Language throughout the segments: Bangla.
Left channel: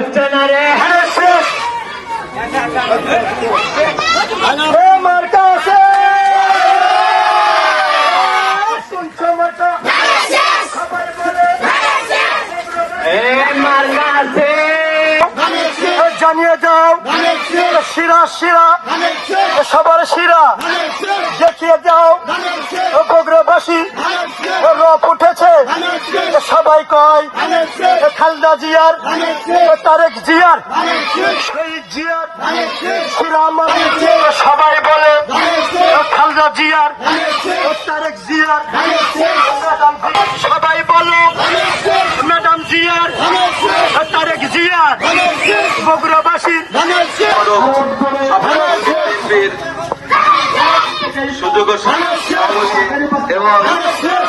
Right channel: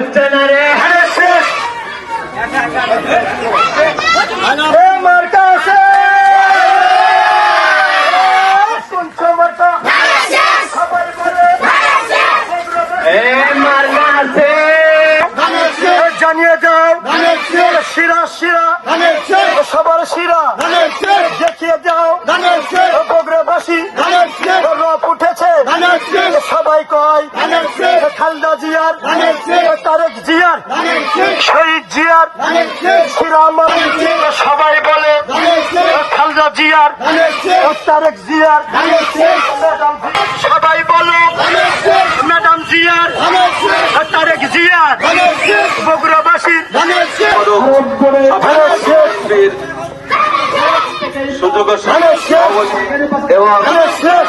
হচ্ছে না রে আছে। এ জানিয়ে দাও। শিরা শিরা সবার শিরা দেখিয়ে দাও বগুড়াবাসী রাত উঠেছে সবাই কয় খালদা জিয়ার তারেক জিয়ার শহীদ জিয়ার সবাই বলে খালদা জিয়ার তারেক জিয়ার ম্যাডাম সবাই বলো ম্যাডাম জিয়ার তারেক জিয়ার বগুড়াবাসী সুযোগ এবং শেষ।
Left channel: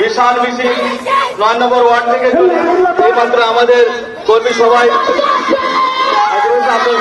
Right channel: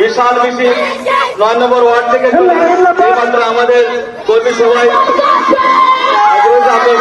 বিশাল মিছিল নয় নম্বর ওয়ার্ড থেকে আমাদের কর্মী সবাই আপনার